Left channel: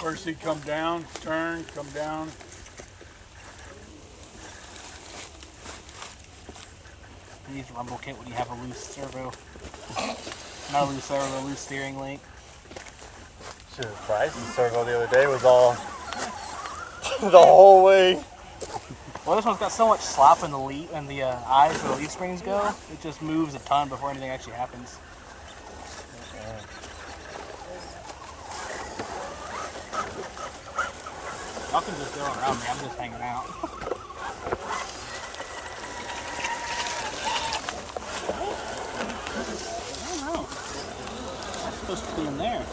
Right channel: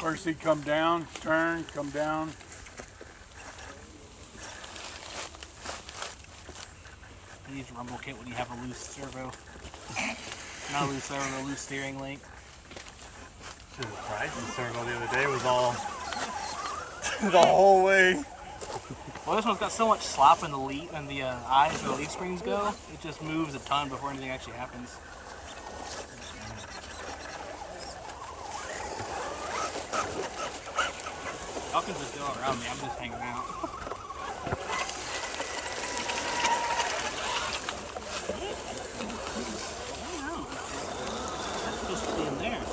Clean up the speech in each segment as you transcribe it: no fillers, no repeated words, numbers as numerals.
Car seat come down, turn, come down. You use a rumble kit when you have a loose servo. Not a loose servo, a loose steering link. Shit, Bryce's servo the other day was all the whole way. Well, this one's got so much slop in the leaf and the eyes where the leaf springs go, it just moves a ton before anything actually happens. Y'all can just go around me, I'm just hanging out. I don't know. That's supposed to be in there.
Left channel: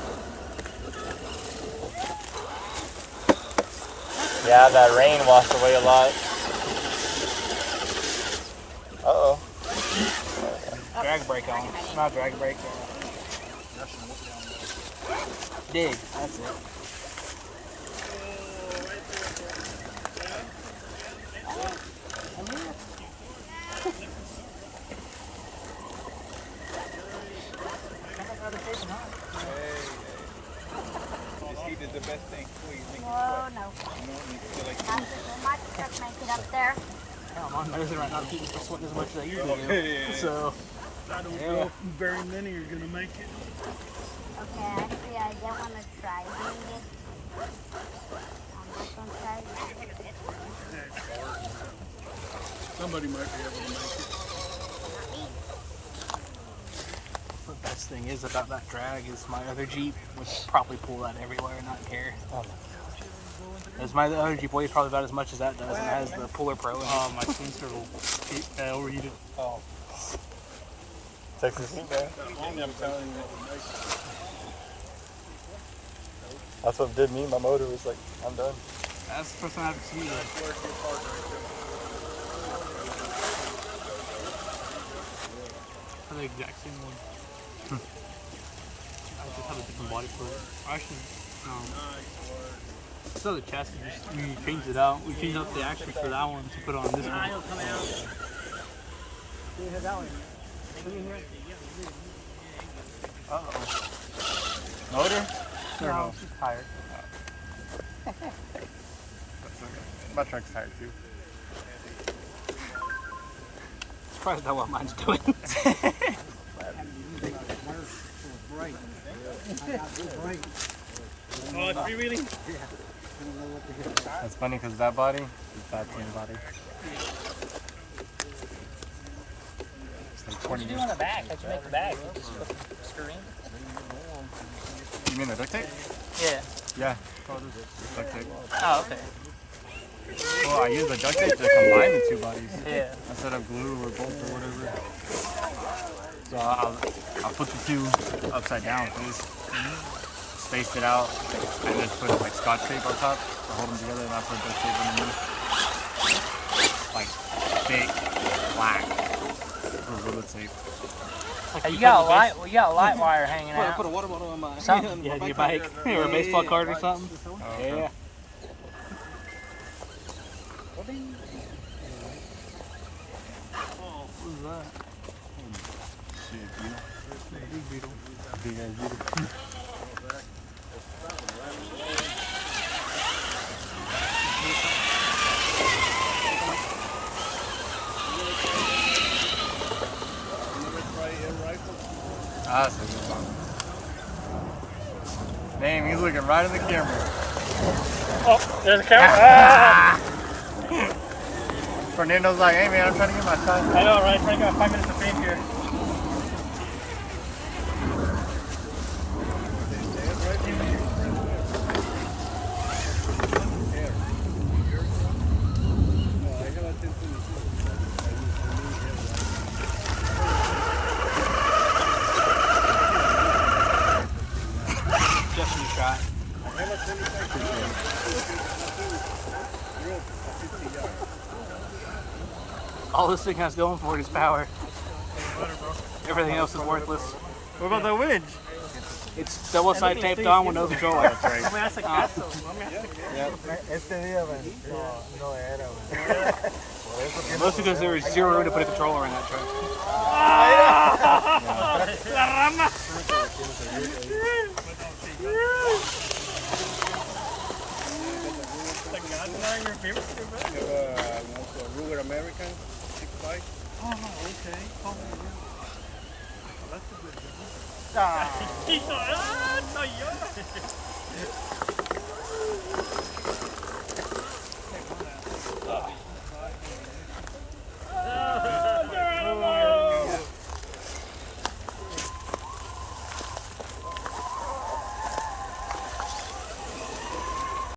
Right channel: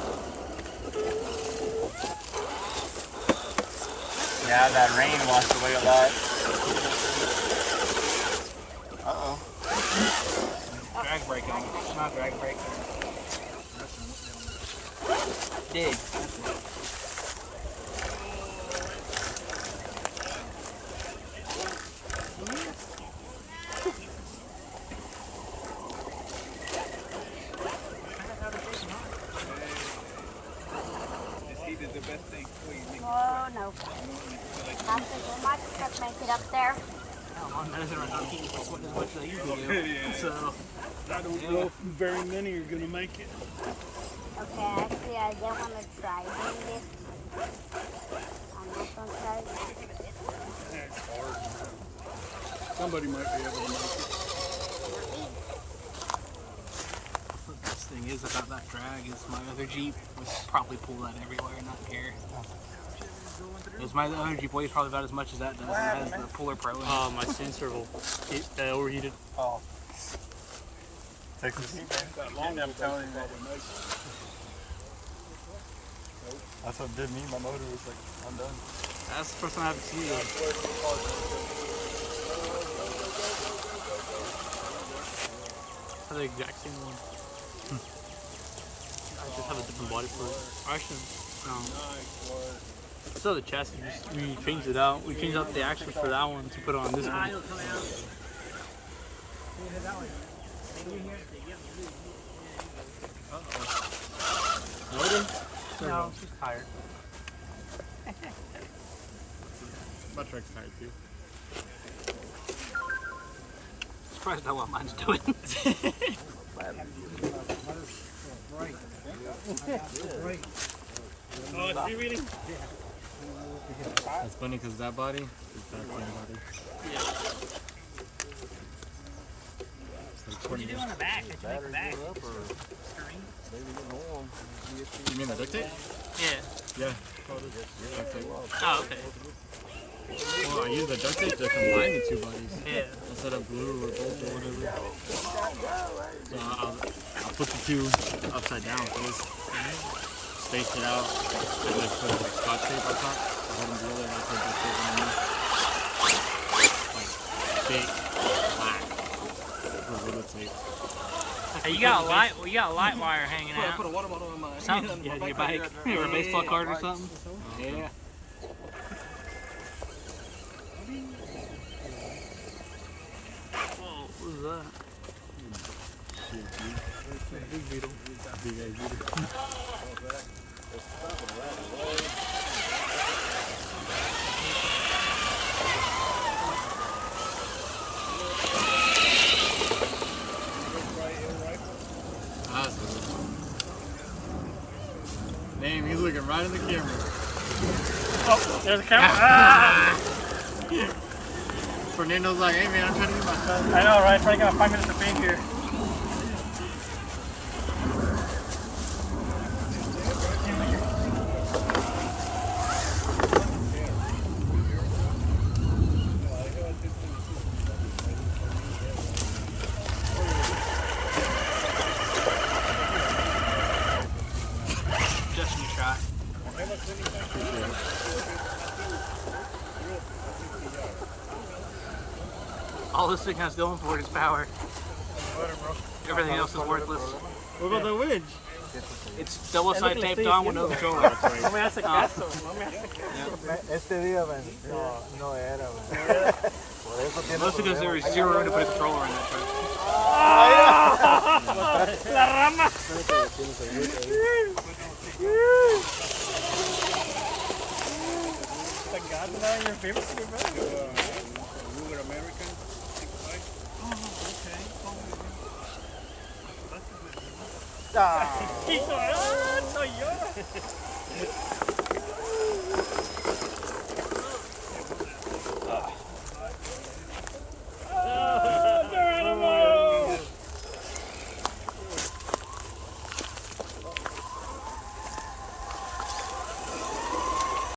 Yeah, that rain washed away a lot. Uh-oh. Drag brake on. Not drag brake. Dig, that's it. Oh, no. My truck make it up there. Oh, mom, that isn't right now. He's still sweating as much as you're doing. So, I don't know if very many are going to make it. Okay, actually, I don't want to try doing it. On this one side. Somebody might be able to make it. the best thing is about that drag is my other Jeep would probably pull that everywhere and not care. Oh my gosh. Because my other Jeep weighs probably about as much as that does. And it has the Puller Pro in it. My chain servo overheated. Oh. Texas heat, man. I'm telling you, man. That's what did me. My motor was like, I'm done. That's the first time I've seen them. The exact same one. I just have a different body for it. Actually, no. Still the chassis. We changed it out. We changed out the axle for that one to put on this one. Uh-oh. Motor? No, it's just tired. My truck's tired too. Surprised at what mine's doing. Oh, it's freewheeling? That's funny because that body is that same body. It's like 20 years. on the back? How'd you make the back? You mean the duct tape? Yeah. Yeah. Duct tape. Oh, okay. Well, I use the duct tape to combine the two bodies Yeah. instead of glue or bolt or whatever. So I'll put the two upside down face, space it out, and just put like scotch tape on top to hold them together, and I put duct tape underneath. Like thick, black, Gorilla tape. Hey, you got a light wire hanging out. Put a water bottle on my Something. Yeah, your bike or a baseball card or something. Oh, okay. Yeah. Oh, what was that? Shit, dude. Big beetle. Big ass beetle. That's a good one. Damn, he's looking right in the camera. Oh, there's a camera. Fernando's like, hey man, I'm trying to get my shot. I know, right? Trying to get my 5 minutes of fame here. All this thing has going for it is power. Everything else is worthless. What about that winch? It's double side taped on with no controller. That's right. Mostly because there was zero room to put a controller on that truck. not your favorite flavor? Ruger American. Oh, okay. Oh, He's like, ah, no, yeah.